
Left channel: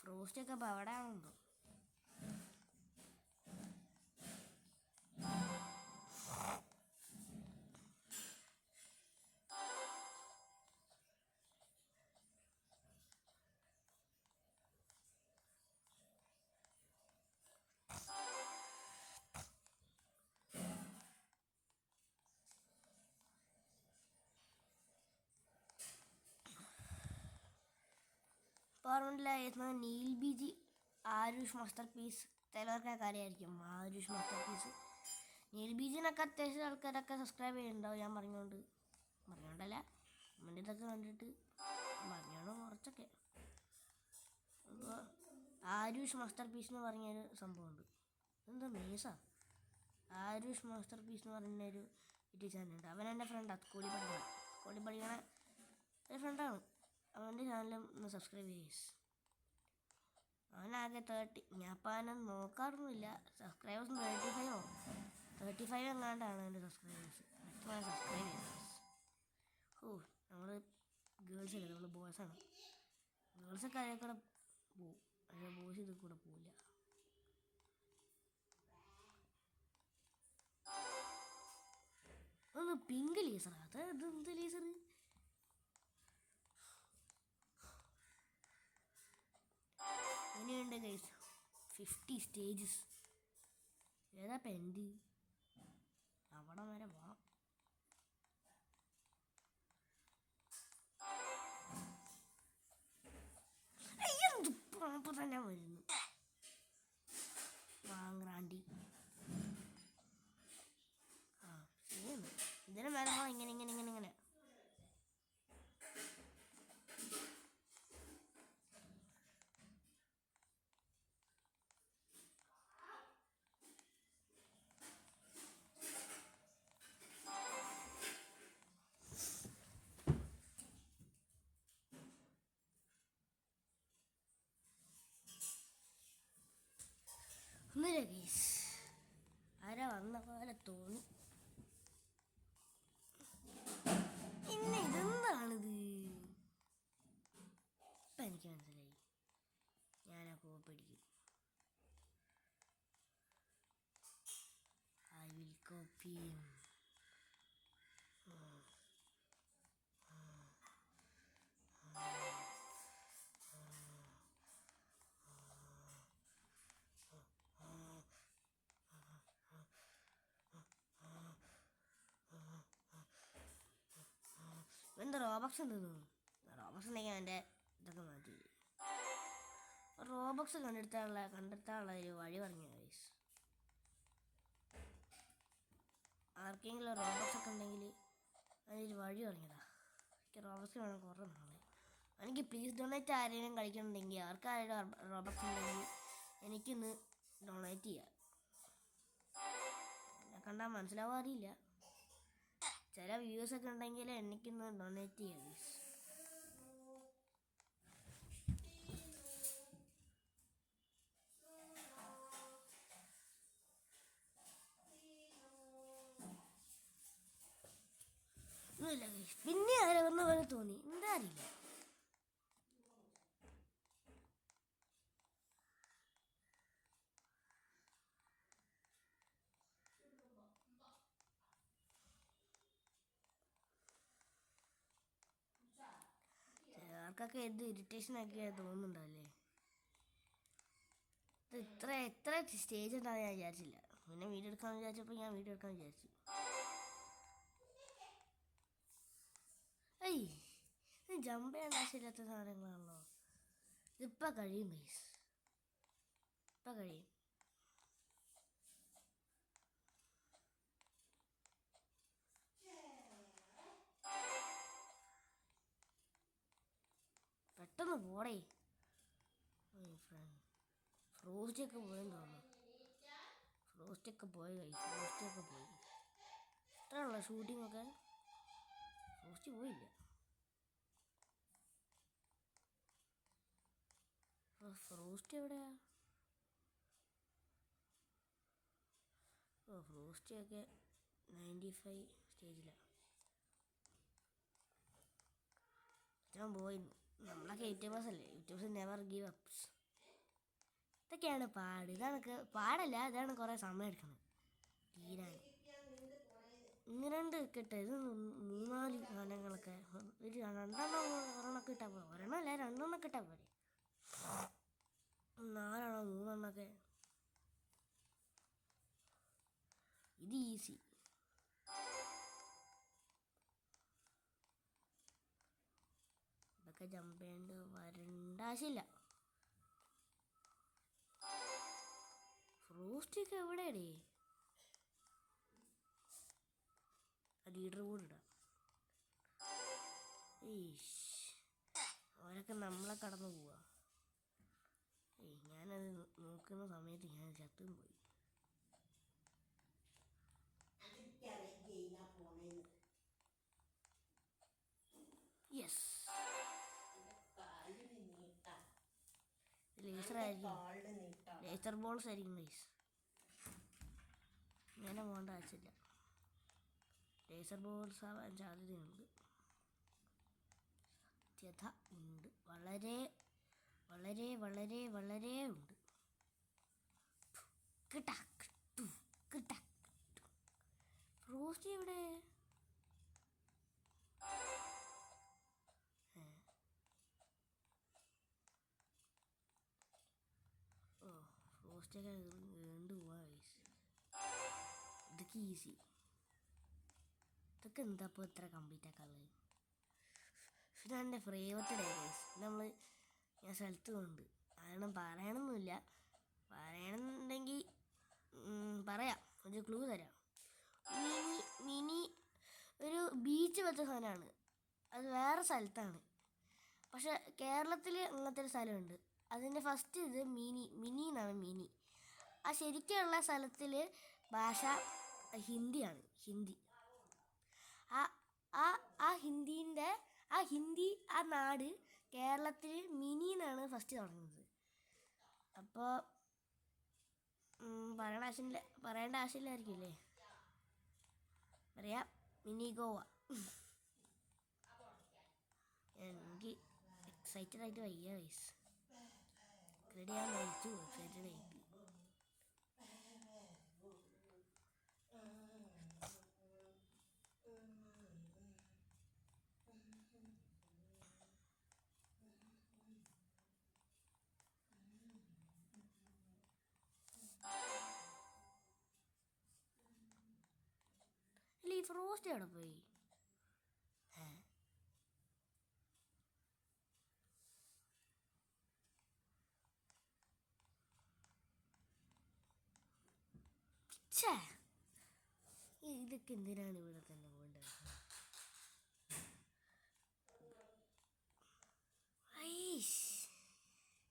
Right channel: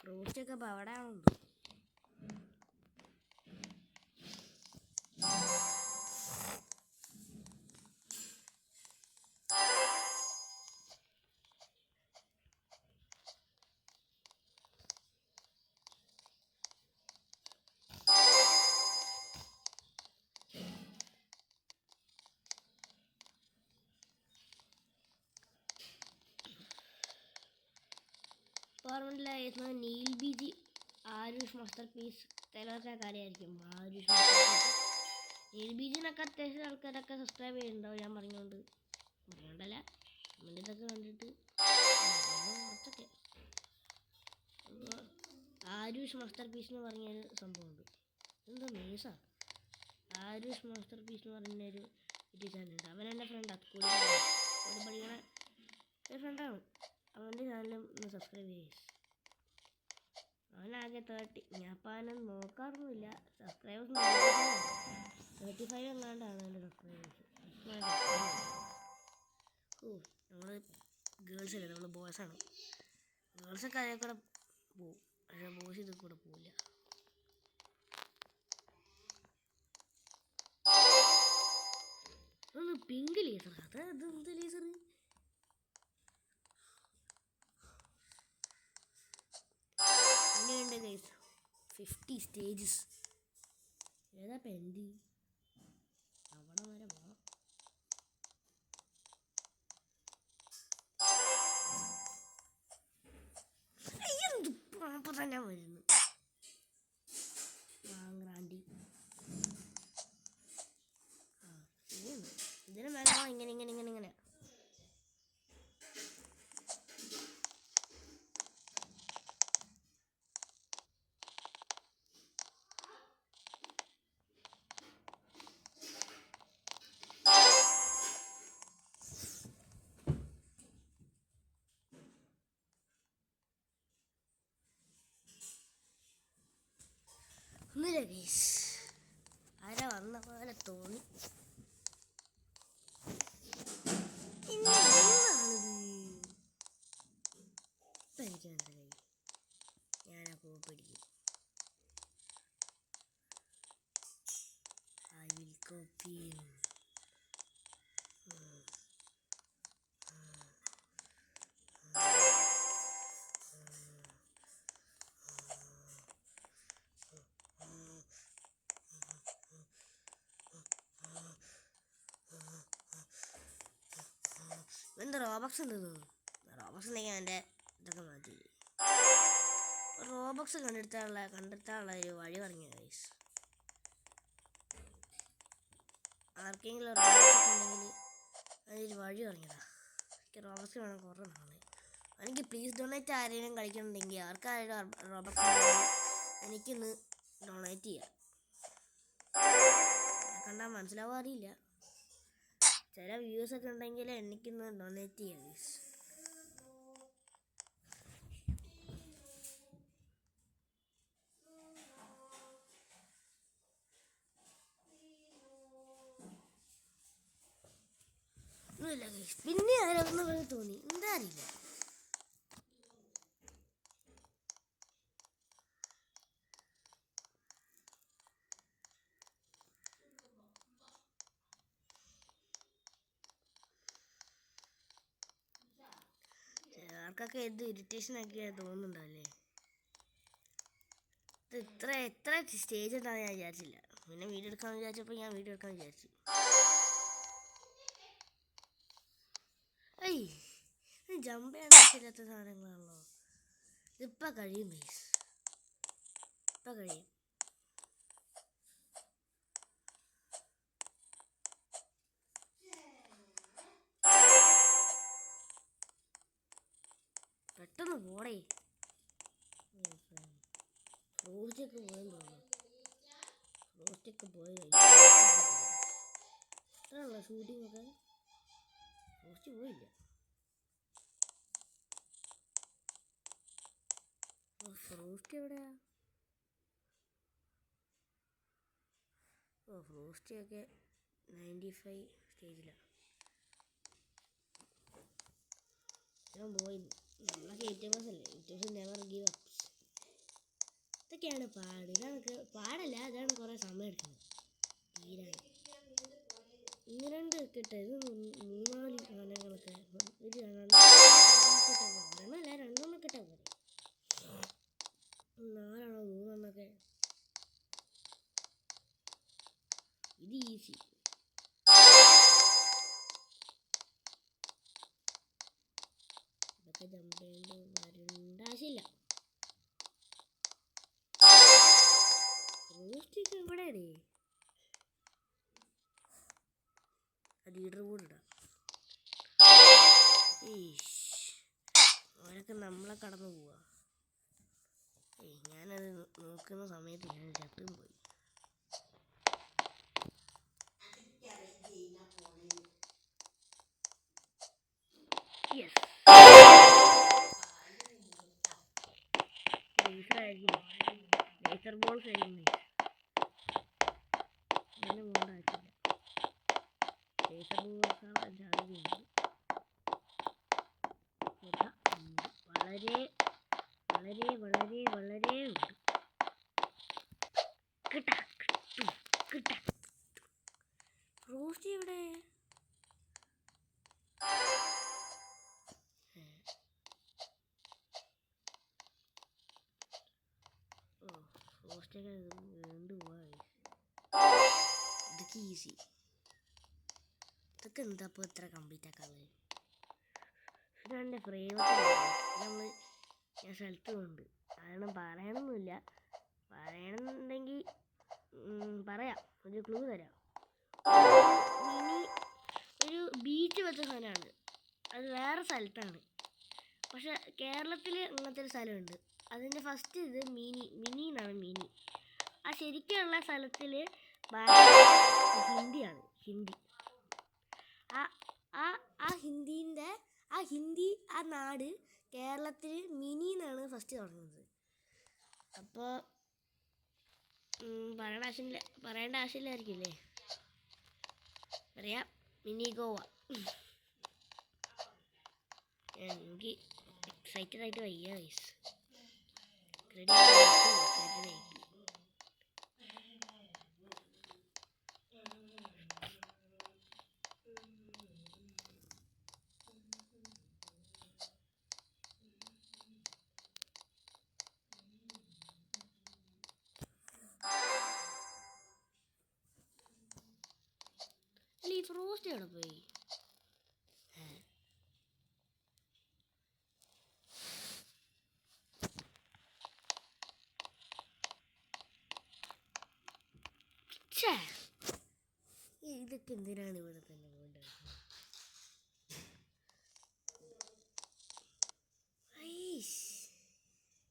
ഫ്രൂട്ട്സൊക്കെ ഇപ്പോൾ അവിടെ ഉണ്ട്. ഓർമ്മയിലായിരുന്നു നീൽ ബിജി ആരുഷ് മാസ്റ്റർ പീസ്. ചിലവർക്കൊക്കെ അറിയായിരിക്കും ആരുഷ് മാസ്റ്റർ പീസ്. നീൽ ബിജിനൊക്കെ അത്യാവശ്യം ആൾക്കാരൊക്കെ സബ്സ്ക്രൈബ് ചെയ്യുന്നുണ്ടാവും. ഞാൻ പറഞ്ഞോണ്ടല്ല, നമ്മുടെ ഇതൊക്കെ കണ്ടിട്ട് കുറച്ചൊക്കെ. അപ്പോൾ ആരുഷ് മാസ്റ്റർ പീസ് എന്ന് പറഞ്ഞൊരു സംഭവമുണ്ട്. എന്താ മീസാ? ആരുഷ് മാസ്റ്റർ പീസ് എന്ന് പറഞ്ഞൊരു യൂട്യൂബ് ചാനലുണ്ട്. അവൻ എൻ്റെ ഫ്രണ്ടാണ്, കൂടി പഠിക്കണ ഒരു ഫ്രണ്ടാണ്. അവൻ്റെ ചാനലും ഒന്ന് സബ്സ്ക്രൈബ് ചെയ്യും. അവനാകെ 30. ഞാൻ അപ്പം അവനെ നോക്കാറൊന്നുമില്ല. സബ്സ്ക്രൈബേഴ്സ് 35 എങ്ങാണ്ടാണ് എൻ്റെ സബ്സ്ക്രൈബേഴ്സ്. നമ്മൾ ഗേൾസ് അല്ലേ, നമ്മൾ ബോയ്സാണ്. ഗേൾസൊക്കെ അതിൽ കൂടെ പോവും, പക്ഷേ ബോയ്സ് ഇതിൽ കൂടെ പോവില്ല. ഒന്ന് പിങ്ക് ലേസർ, അതെന്ത് ലേസർ? അങ്ങനെയുണ്ട് ഗൈസ്, 50 സ്റ്റേജസ്. ഏതാ പെൻഡി? അവിടെ വരെ പോണം. തന്നെ വരുന്നു വാങ്ങാണ്ടി. ശരിയാണ്, ഇതിന് മേലെ ഇങ്ങനെ ഒന്നുമില്ല ഗൈസ്. ആരാ വന്ന പോലെ തോന്നി. എന്താണിത്? ഇപ്പം എനിക്ക് മനസ്സിലായി. ഞാനാ കോപ്പടിക്കും. I will copy him. എന്താ റോബക്സ് ഉണ്ടെന്ന്? റോബക്സ് ഉണ്ടെങ്കിൽ എൻ്റെ ഇതൊക്കെ മാറ്റി. റോബക്സ് കണ്ടെത്താനുള്ള ഒരു വഴി പറഞ്ഞു ഗൈസ്. ആർക്കെങ്കിലും റോബക്സ് ഒക്കെ ഉണ്ടെങ്കിൽ അതിനൊരു വഴി പറഞ്ഞതാ. എനിക്ക് റോബക്സ് വേണം കുറേ നാളെ. എനിക്ക് പ്ലീസ് ഡൊണേറ്റ് ആരെങ്കിലും കളിക്കണമെങ്കിൽ ആർക്കാരും റോബക്സ് ഉണ്ടെങ്കിൽ എനിക്കൊന്ന് ഡൊണേറ്റ് ചെയ്യാം. കണ്ടാൽ മനസ്സിലാവാൻ അറിയില്ല. ചില വ്യൂസൊക്കെ ഉണ്ടെങ്കിൽ എനിക്കൊന്ന് ഡൊണേറ്റ് ചെയ്യാം ഗൈസ്. ഒന്നുമില്ല ഗൈസ്, പിന്നെ ആരാവുന്ന പോലെ തോന്നി, എന്താ അറിയില്ല. നിങ്ങൾക്കൊക്കെ എന്ത് ഇറിറ്റേഷനൊക്കെ തോന്നുന്നുണ്ടല്ലേ? ഇത് എത്ര സ്റ്റേജ് ഉണ്ടാകുന്ന ഞാൻ വിചാരിച്ചില്ല. പിന്നെ വീഡിയോ എടുക്കാമെന്ന് വിചാരിച്ചപ്പോൾ ഞാൻ വീഡിയോ എടുക്കാമെന്ന് വിചാരിച്ചു. ഏയ്, ഇത് ജമ്പ് ചെയ്യാൻ ആവശ്യമില്ലാത്ത സാധനങ്ങളാണല്ലോ. ഇതിപ്പോൾ കഴിയും ഗൈസ്, ഇപ്പം കഴിയും. പെട്ടെന്ന് പോടേ. ഫ്രോസ്റ്റൊക്കെ പോയെന്ന് തോന്നുന്നു. ഫ്രോസ്റ്റൊക്കെ പോയി എത്രയുള്ള ഷൂട്ടിംഗ് ഒക്കെ. ഫ്രോസ്റ്റ് പോയില്ല. ഫ്രോസ്റ്റ് എവിടെയാ? ഫ്രോസ്റ്റ് ഒക്കെ 95 സ്റ്റേജിലാണ്. ഞാൻ പോയി. നമ്മളൊക്കെ യൂട്യൂബേഴ്സ് അല്ലേ, യൂട്യൂബേഴ്സ് നെവർ ഗീവ് അപ്സ്. ഇതൊക്കെയാണ് പാട്. ഇതാണ് പാടല്ല, ഇതാണ് കുറേ സമയം എടുക്കുന്നത് തീരാൻ. ഇങ്ങനെയുണ്ട് കിട്ടുക. ഇത് 3-4 സാധനങ്ങളൊക്കെ ഒരു ഒരെണ്ണമല്ല 2 കിട്ടാൻ പോരെ. 4 3 ഇത് ഈസി. ഇതൊക്കെ ജമ്പ് ചെയ്യേണ്ട വരേണ്ട ആവശ്യമില്ല. റോസ്റ്റൊക്കെ എവിടെയാടേ? ലീഡർ ബോർഡ് ഇടാം. അവരൊക്കെ നമ്മളെ കടന്നു പോവാ. ഞാനത് നോക്കുന്ന സമയത്ത് ഞാൻ ചട്ടും പോയി. യെസ്, ലേസർ ബോൾസ് ആയിരിക്കും. അങ്ങനെ പോകേണ്ട ആവശ്യമില്ല. ലേസർ ബോൾസ് ആവാൻ സാധ്യതയുണ്ട്. വളരെ വളരെ വളരെ വളരെ ഉണ്ട്. റോസ്റ്റ് എവിടെ? റോസ്റ്റൊക്കെ വീണ്ടും പോവാ. ഇതൊക്കെ ഈസി. ഇതൊക്കെ എന്താ ഇപ്പോൾ ഇത്ര കംപ്ലീറ്റ് ആക്കാനുള്ളത്? ഇതെൻ്റെ പ്രേമത്തിലാണ്. ഞാൻ സ്ഥലത്ത് കൊണ്ട് കാരണം പറയണമെന്നില്ല. പറയണമെന്നുണ്ടെങ്കിൽ പറയാം, ഒരു ക്ലൂ തരാം. മിനി ഒരു ബീച്ച് വെച്ച സാധനമാണ്. അത് വേറെ സ്ഥലത്താണ്, പക്ഷെ കേരളത്തിൽ അങ്ങനത്തെ ഒരു സ്ഥലമുണ്ട്. അതിൻ്റെ ഫസ്റ്റ് ഇത് മിനി എന്നാണ്. മിനി ആ ശരിക്കുള്ള സ്ഥലത്തിൽ ഭാഷ ഹിന്ദിയാണ്. ഹിന്ദി ഹിന്ദി ആ നാട് കേരളത്തിൽ മിനി എന്നാണ് ഫസ്റ്റ് തുടങ്ങുന്നത്. അപ്പോൾ പറയേണ്ട ആവശ്യമില്ലായിരിക്കില്ലേ? പറയാം, മിനി ഗോവ. എനിക്ക് എക്സൈറ്റഡ് ആയിട്ട് വയ്യ ഗൈസ്. ഈ ഫ്രോസ്റ്റ് എവിടെ പോയി? ഇതൊക്കെ എന്തിനാണ് ഇവിടെ തന്നെ പോകേണ്ടത്?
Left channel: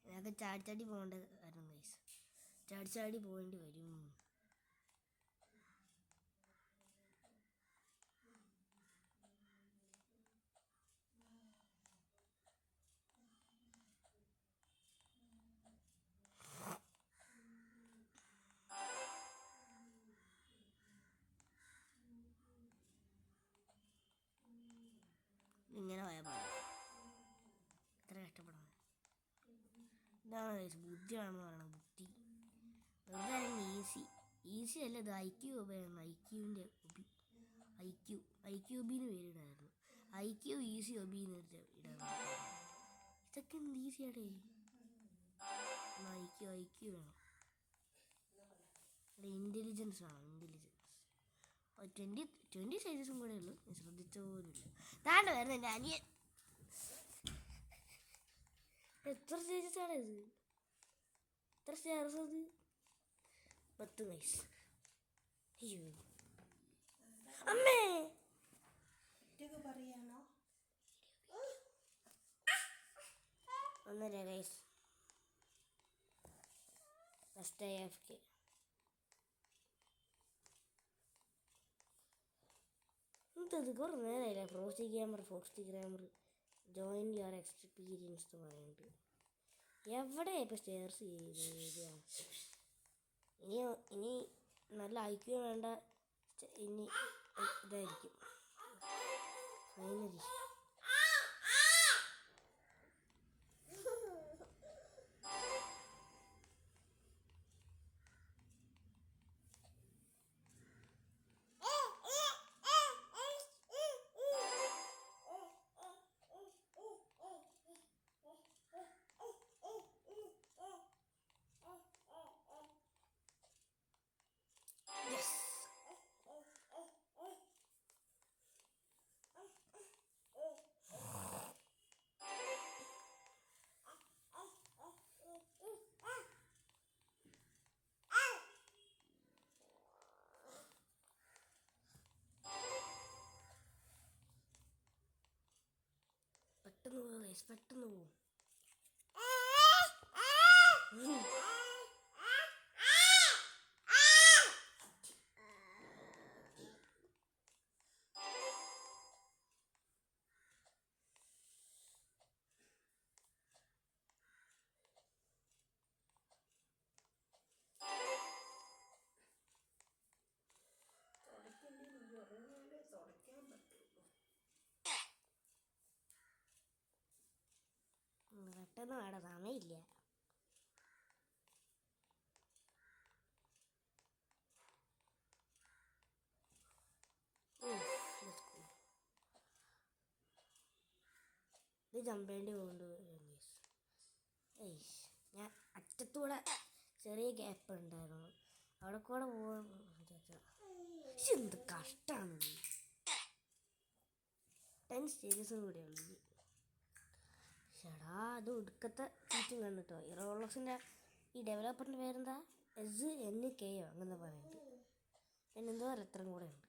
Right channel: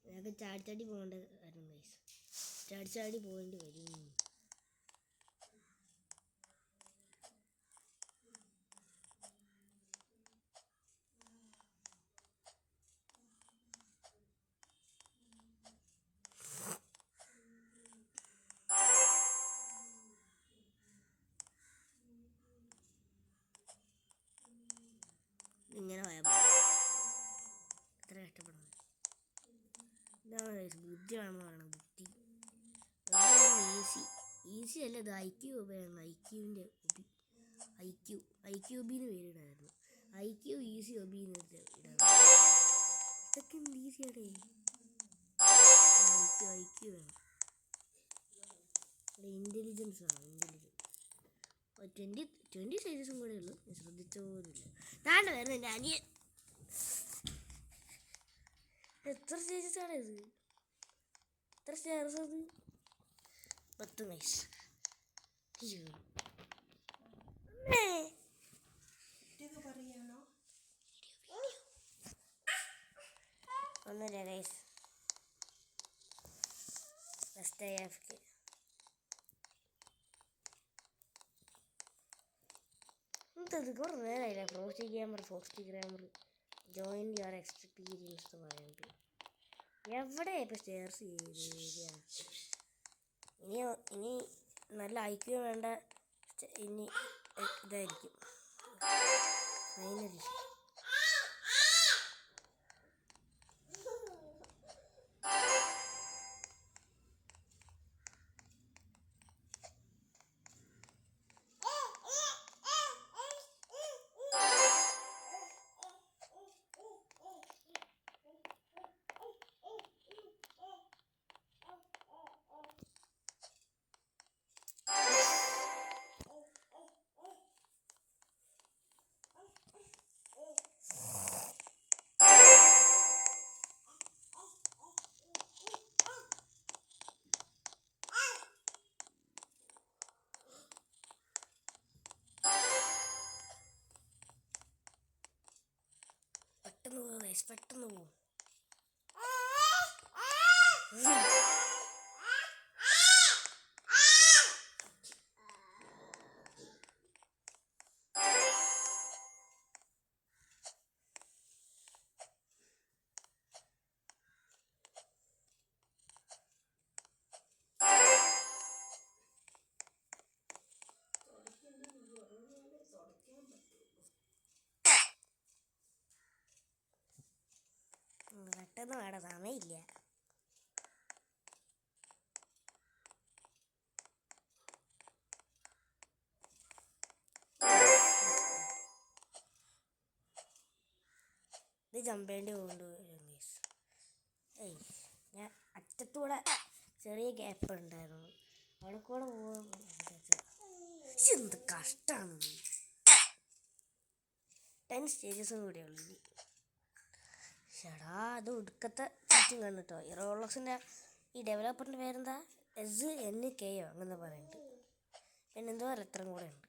ഞങ്ങൾക്ക് ചാടി പോകേണ്ട കാര്യം ഗൈസ്. ചാടി പോകേണ്ടി വരും. ഇങ്ങനെ പോയാൽ മതി. എത്ര കഷ്ടപ്പെടണം. ഇതാണ് ബുദ്ധി വേണമെന്ന് പറയണത്. ബുദ്ധി ഈസി അല്ല. ഇത് IQ ഉപയാണ്. IQൻ്റെ ഒബി. IQ ഒബിന്ന് പേരിടായിരുന്നു. IQ ഈസി ഒബിന്ന് ഇടാൻ. ഇതൊക്കെ എന്ത് ഈസിയാടേ. ഐക്യു വേണം. ഇൻ്റലിജൻസ് ആണ്, ഇൻ്റലിജൻസ്. 20 സൈസസും കൂടെ ഉള്ളൂ, ഞാൻ ശ്രദ്ധിച്ച പോലുമില്ല. താണ്ട വരുന്നത് എൻ്റെ അനിയൻ. എത്ര സ്റ്റേജസാണ് ഇത്? എത്ര സ്റ്റേർസ് അത്? 10 നൈസ്. അയ്യോ അമ്മേ, ഒന്നുമില്ല ഗൈസ്. First AFK. എന്തത് കുറേ നേരമായില്ല. Forty grammar join your experience എന്ന് പറയുന്നത്. എവിടെ ഇപ്പോൾ സ്റ്റേർസ് ചെയ്ത് ഇനി നല്ല ഐക്യു വേണ്ട. ഇനി ഇതായിരിക്കും ഫൈനലി. പെട്ടെന്ന് പോവും. പെട്ടെന്ന് വേണ്ട, സമയമില്ല. ഇത് ജമ്പേണ്ടി കൊണ്ടുവരും. ഞാൻ അറ്റത്തൂടെ ചെറിയ ഗ്യാപ്പ് ഉണ്ടായിരുന്നു, അവിടെ കൂടെ പോകാൻ. എന്ത് കഷ്ടമാണ്. 10 സ്റ്റേജസും കൂടെ ഉള്ളു. ചേടാ, അത് ഒടുക്കത്തെ ചീറ്റിങ് ആണ് കേട്ടോ. ഈ റോളക്സിൻ്റെ ഈ ഡെവലപ്പറിൻ്റെ പേരെന്താ? SNK അങ്ങനെ പറയുന്നുണ്ട്. പിന്നെ എന്തോ എത്രയും കൂടെ ഉണ്ട്.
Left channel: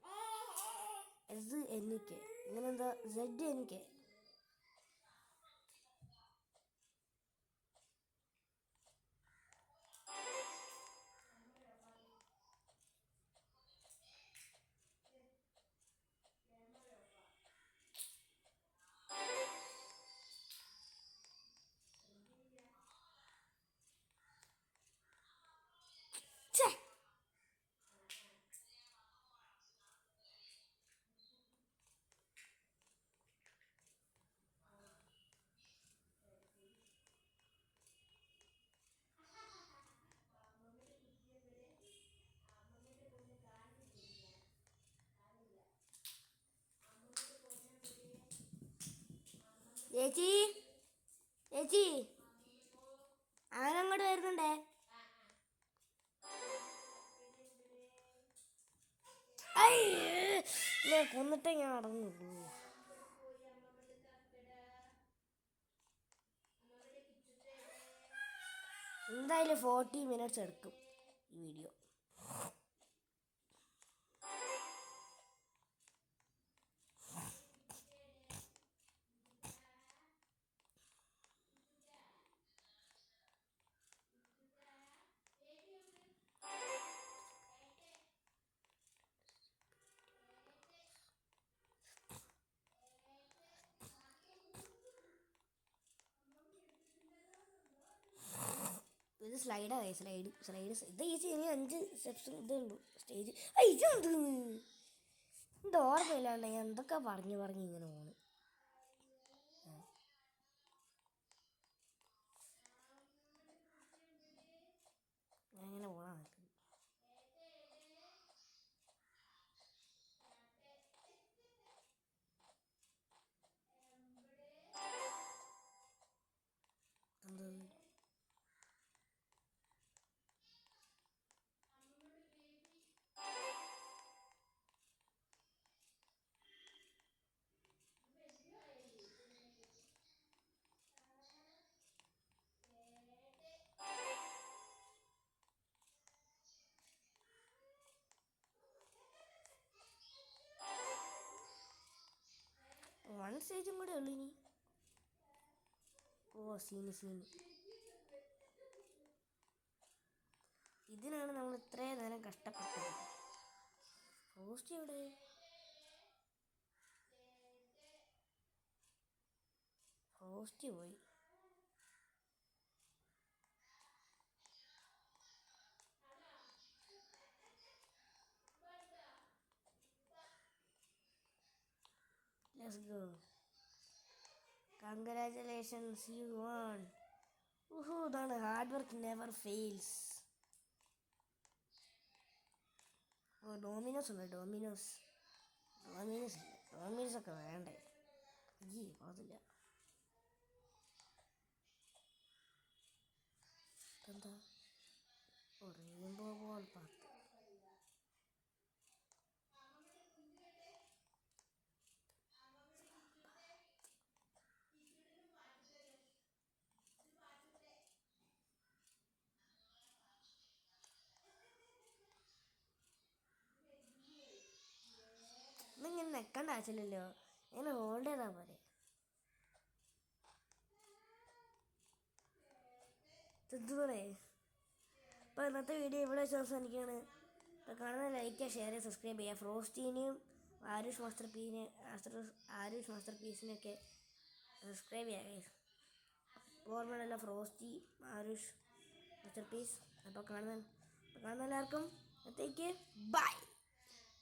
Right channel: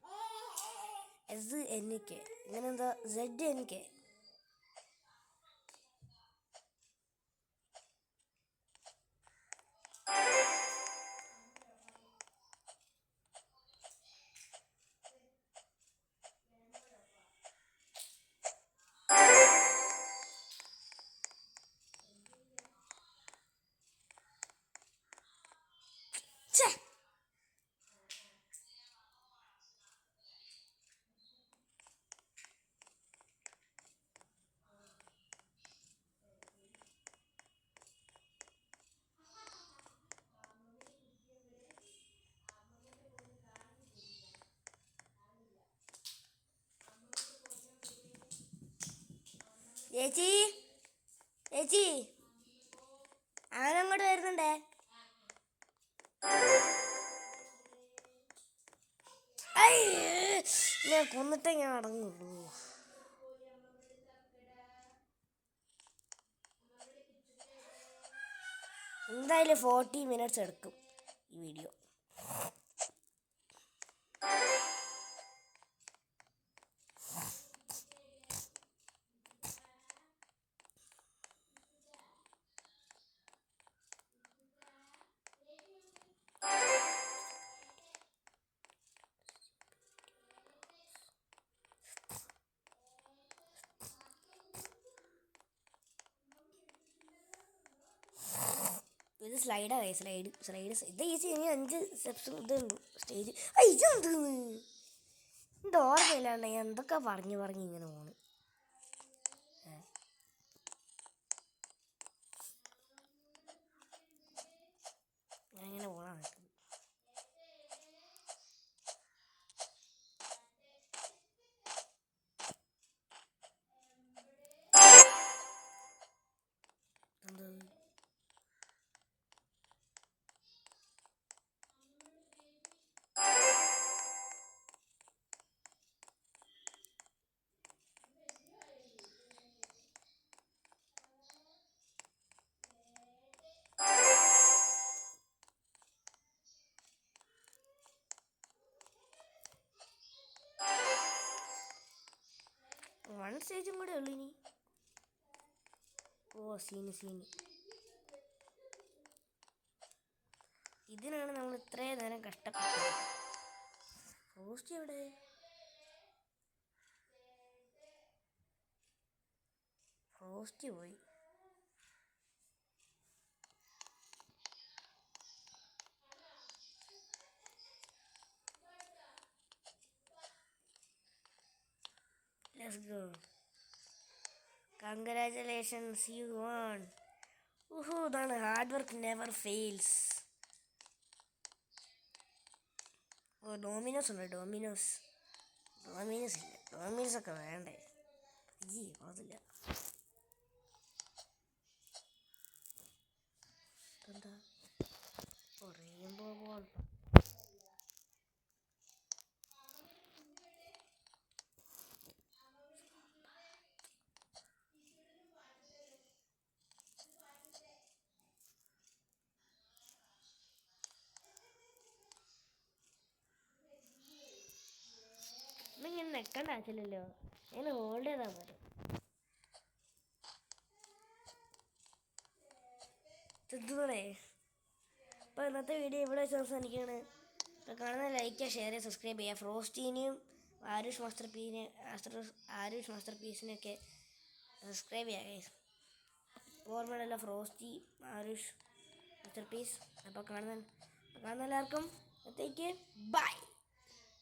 SNK ഇങ്ങനെ എന്തോ ZNK. ചേച്ചി ചേച്ചി അവനങ്ങോട്ട് വരുന്നുണ്ടേ. ഞാൻ കൊന്നിട്ടേ ഞാൻ അടങ്ങുള്ളൂ. എന്തായാലും 40 മിനിറ്റ്സ് എടുക്കും ഈ വീഡിയോ. ഇത് സ്ലൈഡാണ്. സ്ലൈഡ് ഇത് ഈസി. ഇനി 5 സ്റ്റെപ്സും ഇതുണ്ട് സ്റ്റേജ്. ഇതെന്തെന്ന് ഇത് ഓർമ്മയില്ലാണ്ട് ഞാൻ എന്തൊക്കെ പറഞ്ഞ് ഇങ്ങനെ പോണ്. ഞാൻ ഇങ്ങനെ പോകാൻ നിൽക്കുന്നു. 1 സ്റ്റേജും കൂടെ ഉള്ളു ഇനി. ഓ സീന്. ഇതിനാണ് നമ്മൾ ഇത്രയും നേരം കഷ്ടപ്പെട്ടത്. ഫ്രോസ്റ്റി എവിടെ? ഫ്രോസ്റ്റി പോയി. Let's go. Congratulations, you won. ഇതാണ് ഹാർഡ് വർക്ക് നെവർ ഫെയിൽസ്. ഓ ഡോമിനോസ് ഉണ്ട്. ഡോമിനോസ് ഇല്ല. ഡോമിനോസ് ഒക്കെ വേണ്ടേ? അതില്ല. എന്താ റെയിൻബോ ബോൾ പാത്ത്. ഇങ്ങനെ നെക്കണ്ട ആവശ്യമില്ലല്ലോ, ഇങ്ങനെ ഹോൾഡ് ചെയ്താൽ പോരെ. തിന്നൂടെ. അപ്പോൾ ഇന്നത്തെ വീഡിയോ ഇവിടെ വെച്ച് അവസാനിക്കുകയാണ്. അപ്പോൾ കാണുന്ന ലൈക്ക് ചെയ്യുക, ഷെയർ ചെയ്യുക, സബ്സ്ക്രൈബ് ചെയ്യുക. ഫ്രോസ്റ്റീനെയും ആരുഷ് മാസ്റ്റർ പീസിനെയൊക്കെ സബ്സ്ക്രൈബ് ചെയ്യുക. ഓർമ്മയുള്ള ഫ്രോസ്റ്റി, ആരുഷ് മാസ്റ്റർ പീസ്. അപ്പോൾ കാണുന്ന എല്ലാവർക്കും അത്തേക്ക് ബൈ.